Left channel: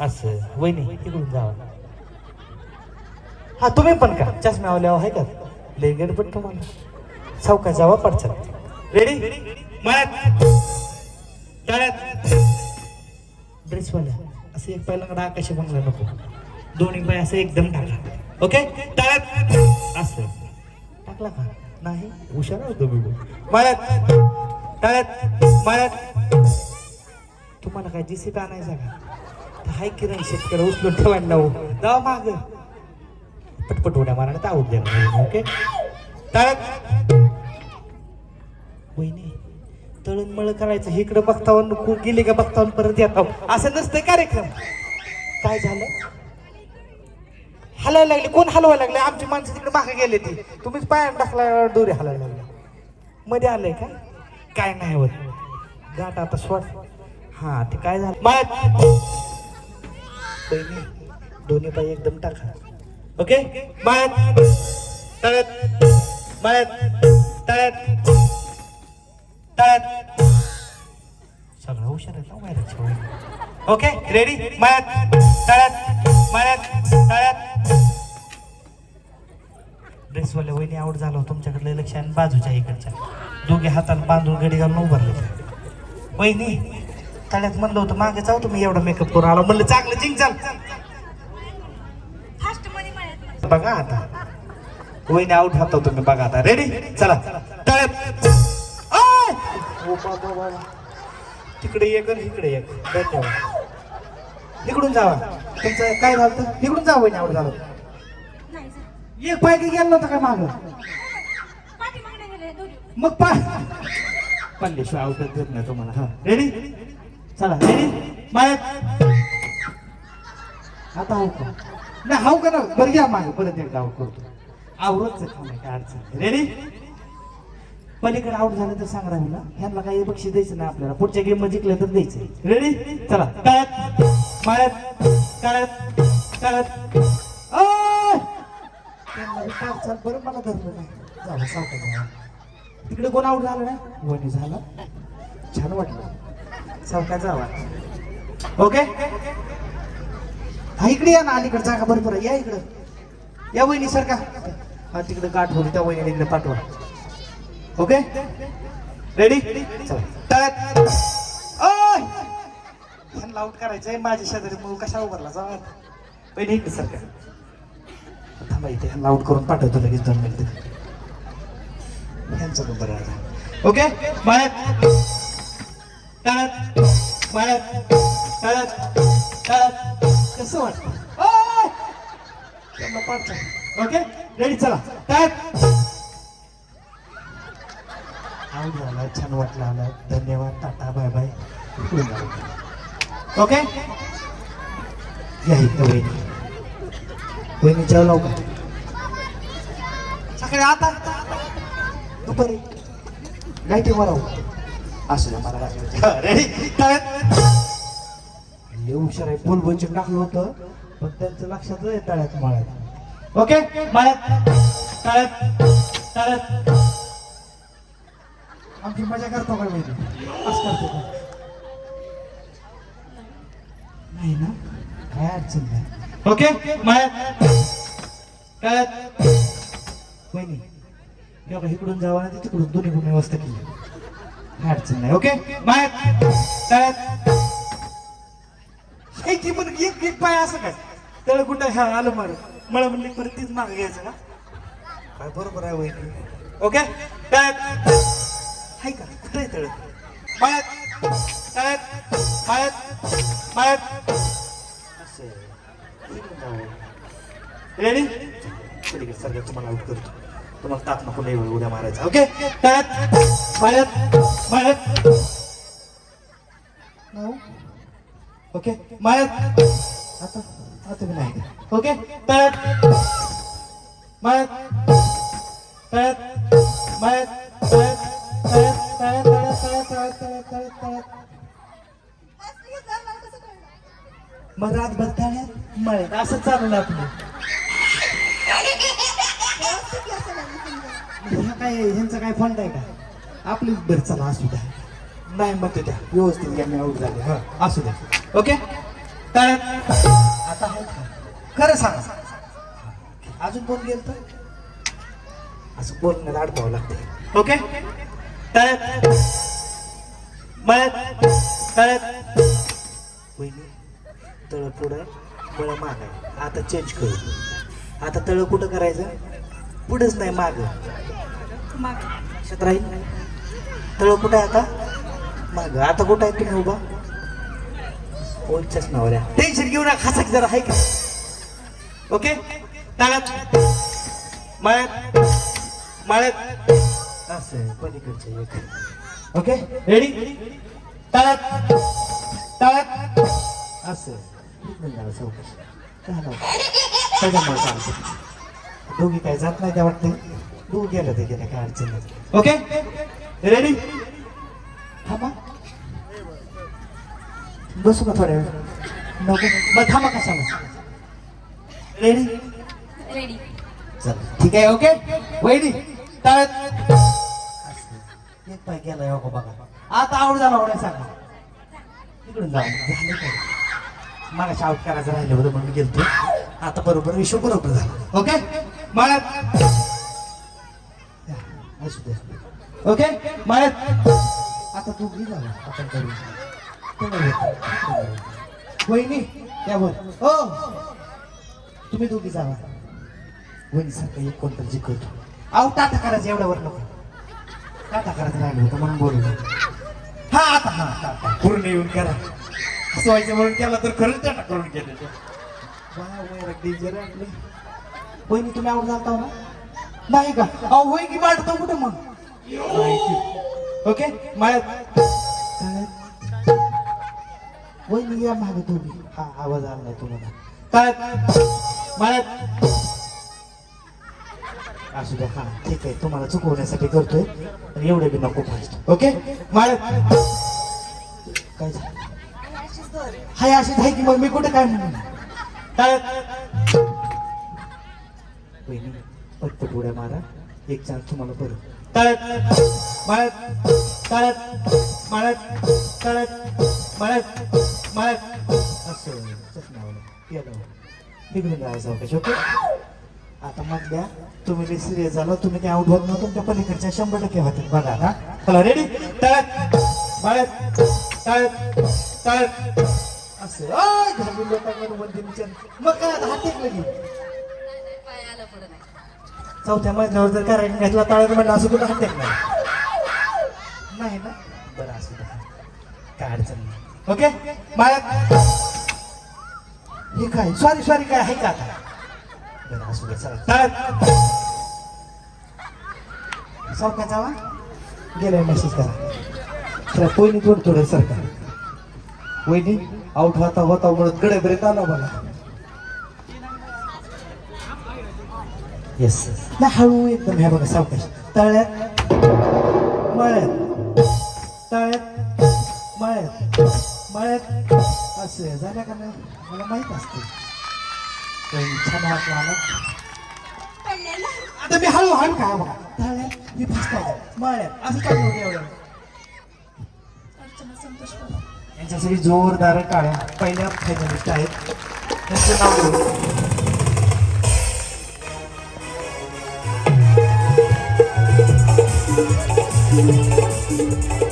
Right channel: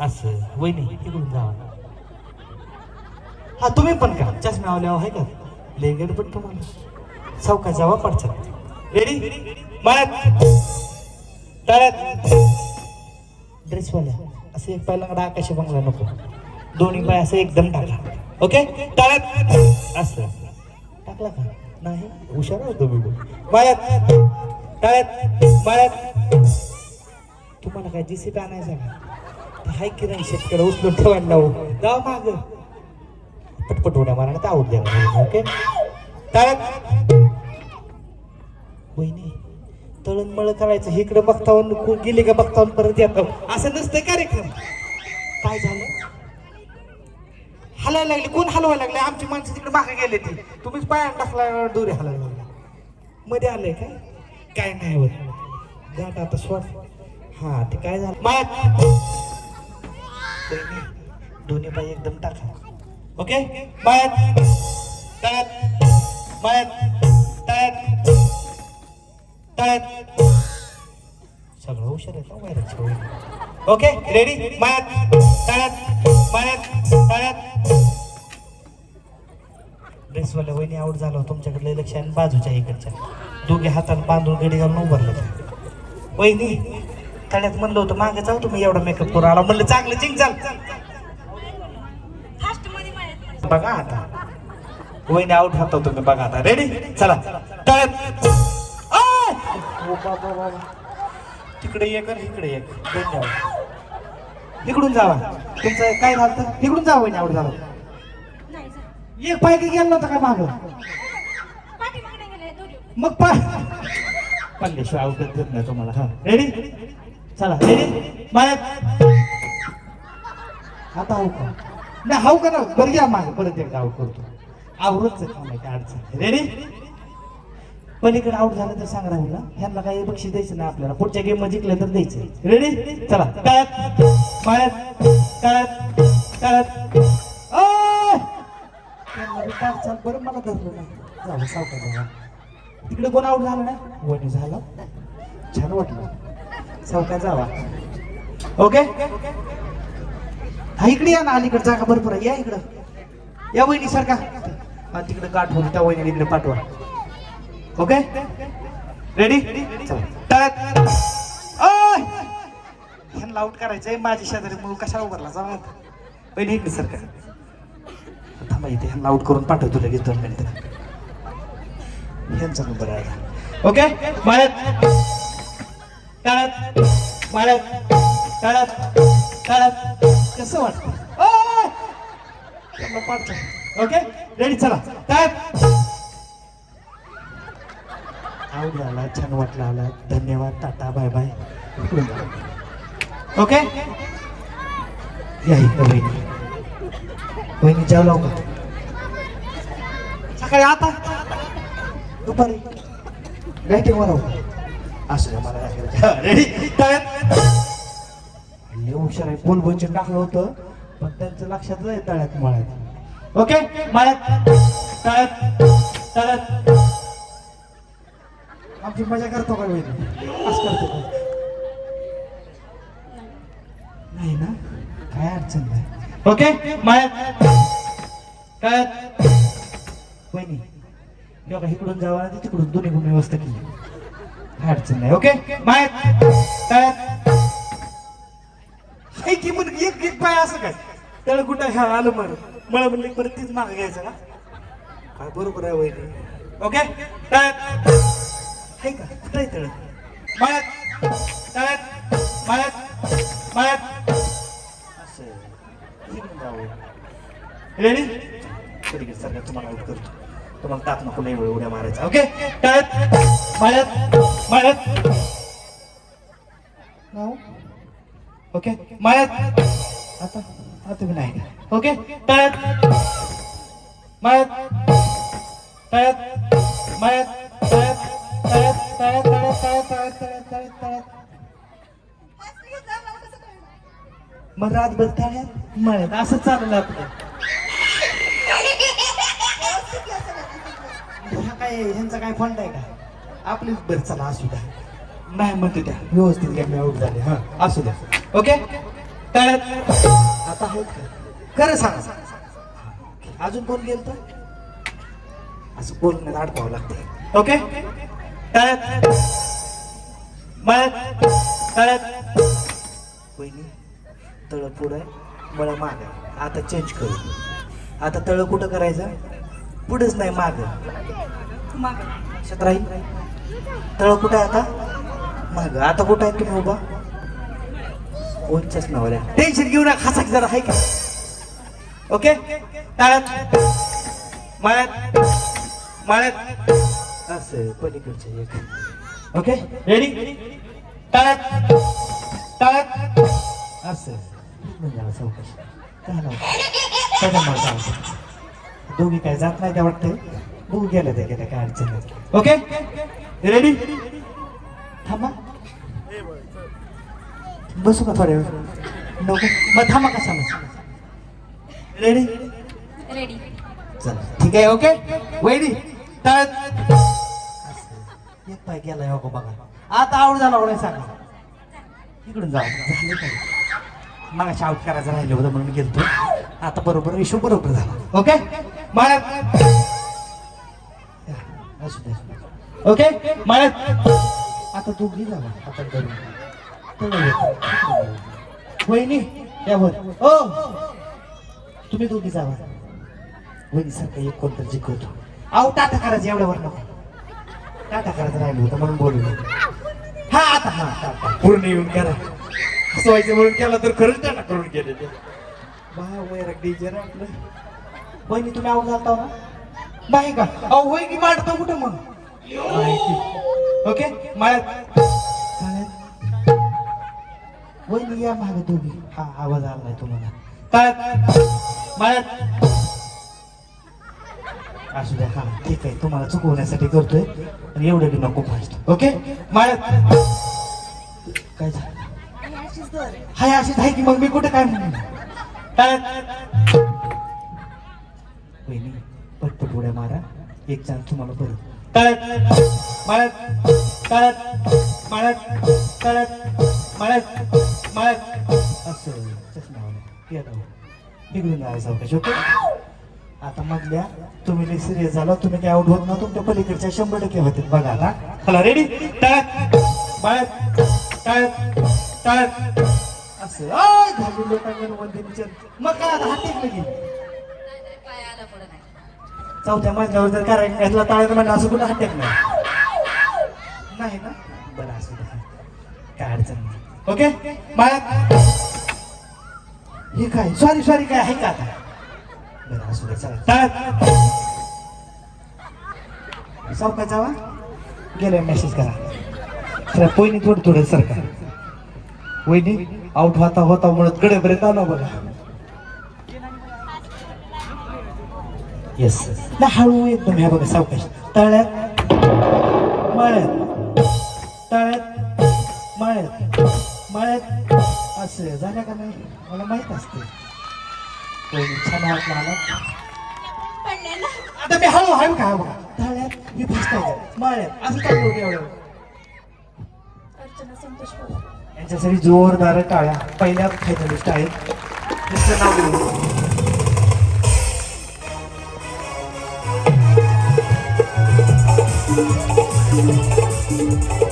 असं वहिनी इकडून जावा. हा तुम्ही पण का? चष्मा आवल्यावर आहे का? लय गडबड तुम्हाला. चौका जावा पडच्या रेडी मळ्यात. तळ्यात ड्रेसवाल्या असं एक पहिला आकाशी बंगला नको. दोन्ही पाय असं एकदम टाका. ओके तळ्यात असं. टाकला का? नाही. हुशार होतो मी मळ्यात. तळ्यात मळ्यात. तुम्हाला काय जीसीपी आणायचा का? हाय किरण शेतकरी उचलून ठेवायला लावू. जावा माग. पटपट उड्या मारण्यात आवड द्या. ओके तळ्यात वहिनी तळण मळ करायचं. इकडं बघतावन गेले का बघतावन परत येतो असं नसतं कार्यक्रम. काय झालं? हलायला लागले. कोण हलवायला लागले? आमची माणसं तिकडे मागे गेले ती. तुम्हीच पाय टाकल्या दोरी हलायला लागले मध्ये आलंय का? काय नाही होत. गाठ आता सोड. हा ते काय झालं? दोन्ही पाय एकदम टाका. ओके? मात तळ्यात मात तळ्यात तळ्यात सगळं हुशार आहे हो, ओके? रेडी मात तळ्यात मात तळ्यात ड्रेसवाल्या वहिनी आवड झाला होता तुमच्याकडे लक्ष आणि बाजूच्या इकडच्या दोघे हातात बांधून गडी घालून उभारलं. वहिनी तळ्यात म्हणलं होतं मागे जाऊ तुम्ही एवढा मेकअप करून आला. म्हणलं चांगलं चिंग चाल बघा आता. वहिनी आऊट होता तुम्ही बघा आता. रेडी चला. तळ्यात. तिकडे एक इकडे एक. इकडून जावा. तुमचं काय झालं इकडून जावं वहिनी आऊट झालं. एक पाय गेला नव्हता का मागं? मग पाय. पल्लेशिवाय करत नाही तुम्हाला. हा रेडी चला रेडी? मायात आता हाऊ का? नाही हाऊ का ना? बरं घ्या मागं. परत एकदा आऊट करतो. आवरूच काय अडचण रेडी पलीकडे आऊट झालं तर सांगा ना ह्यांना काही बक्षीस द्यायचं नाही आपल्याला. पुढच्या गेममध्ये जिंकलं तर द्यायचं रेडी चला. तळ्यात पायात तळ्यात तळ्यात आय! बरं मला धरलो ना झालं सावकाश तिकडे कोण आऊट झालं नाही? वडी झालं. छान वाटलं. सावकाश झाला. ओके हा इकडे या ना अलीकडे जागा बरोबर आहे. या इकडं. या वहिनी सारखा हा तिकडे गाठ होऊन त्या वहिनी इकडे पाठवा. ओके रेडी चला. ह्यांना आउट करायचंय. माझ्या शेजारी मग कशा उभारला? जाऊ पहिली इकडे सारखा थांबा इथे ह्यांना आउट करून पाठवतो लगेच दोन मिनिटं. ह्यांचा नंबर आहे. ओके बाय तळत बाळत तळत तळत कसं वाटत. ओके? रेडी चला. तळत आवडला छान वाटलं आला. धन्यवाद टाटा बाय बाय. ओके? वहिनी चालू सकाळी आता? दुपारी. काय मला असं नाही, मला वाटलं हुशार आहे फोन बोलून टाकलं होतं पण त्यांचं लक्षात नाही तळ्यात मळ्यात ओके मळ्यात तळ्यात तळ्यात आमची मजा करतो का करतो नाही ना काय अडचण नाही ओके मळ्यात तळ्यात पहिली किंवा इकडून जावं तिकडून दोन्ही गुण व्यवस्था केली काय अडचण नाही ओके? मळ्यात तळ्यात. एक पण एक एक पाय असं काय? त्याला कुठं हे आलं बरं? मला म्हणले परत तीच माग घ्यायचं ना? हा, बरोबर आहे वहिनी. ओके? तळ्यात. आहे का? कुठे तळ मळ्यात तळ्यात. मळ्यात रेडी सर तुम्हाला करतो. तुम्हाला ताप नको लई उड्या मारायचा. ओके? तळ्यात. मळ्यात मळ्यात. ओके मळ्यात. आता आता तुम्ही नाही ओके तळ्यात मळ्यात. तळ्यात मळ्यात. तळ्यात तळ्यात तळ्यात तळ्यात तळ्यात तळ्यात तळ्यात तळ्यात तळ्यात मग तळ्यात मळ्यात असं चालू लागलं आपलं हे काय ह्यांचा काय फंड आहे का आपलीच घर चला असू द्या. नाही म्हणते त्या. व्यवस्थित घ्या झाले. हा असू द्या. ओके? तर आता होत का? खरं सांगा. अजून कोण गेल तर असं बोलणं अडकावं लागते ओके? तळ्यात मळ्यात तळ्यात. वहिनी तळ पुढं मला माग. आता चेंज करू. आता तळ कुठं करायचं? पुढेच नाही माग. राहील तळ कुठं आहे आता? माग आता कुठं आहे तुम्ही उभा? कोणच्याच नावाला टेन्शन घेऊ नका हसा जरा आहे का? ओके तळ्यात माळ्यात. माळ्यात. असं पलीकडचे एक. ओके रेडी तळ्यात तळ्यात असं दोघी काय जात नाही त्या वाटते. बघू गेलं ते गेलं काय अडचण ओके रेडी थांबा बसू का थोड्या मग थांबा कसा रेडी चला ठीक आहे ओके वैदी तळत एक पाय गेला हो बघा आता आवड झाला आवडाय सांगा इकडून जा मला शाऊट करायचं राहिलं होतं म्हणून गेलतो आता बरोबर विषय बरोबर झाला ओके मला असू दे ओके? मला आता तू येतं. वहिनी त्यावर हो तुम्ही दोघी जावा वहिनी सारखं एक कोणतं जिंकवतो. अहो टाटा करायचं एवढ्यावर नको. टाटा करायचं राहिलं होतं म्हणून बोलू हा आता हा. पूर्ण येऊन करा. असं व्हायचं म्हणून केलं तर खरंच टाटा करून गेले वहिनी तुम्ही आवड झालता ना नाही का? अहो वहिनी वाढतो कुठे मग? माहिती ओके मला या मागं दोघी हा आवाज आला नाही तुला कळत मळत असू द्या हा ठीक आहे तुम्हाला चुकवण्यासाठी करतोय पण एवढं बी नको फास्ट ओके काय झालं हाय अशी आहे की मग मी कुठे काय म्हणून कळत पटपट उड्या मारा एक जण तुम्हाला बरं तळत मळत तळत मळत तळत मळत मळत. असं चष्मा राहा चौकशी ओके आता मधल्या तुम्ही सिरियस झाला तुम्ही काय आउट होत ना तुमच्या पलीकडच्या शंभर टक्के होते. बघा ना हॅलो रेडी तळत मळत तळत तळत. असं. घालून लोकांवर बंदी विचार मग काय हात चौथ्या मजल्यावर जर करायला घेतला टाळायला म्हणजे असं कुठं हात टेकला नाही ना? बरं असं काय अडचण नाही. ओके? मग हे काय? सॉरी सॉरी काय आहे का? बरं असू दे चला. टाळ सरपंच जावा गेलं मेसेज करा. तर पहिली थोडं थोडं सरकार वहिनी आउट होता होता म्हणत गडेपर्यंत आलो बोला येस नाही हळू एकदम ह्या बघा सावकाश तळ्यात मळ्यात तळ्यात मळ्यात मळ्यात असं झालं का नाही मला माहीत असते छान वाटलं ना आता मी हळू हळू का तळ्यात मी फसतो मळ्यात असं काय एवढं अर्चना संतोष पवार यांच्यासाठी जोरदार टाळ्या. पहिल्या फेमिनिस्ट आहेत त्यांचं नाव घेऊ. अजून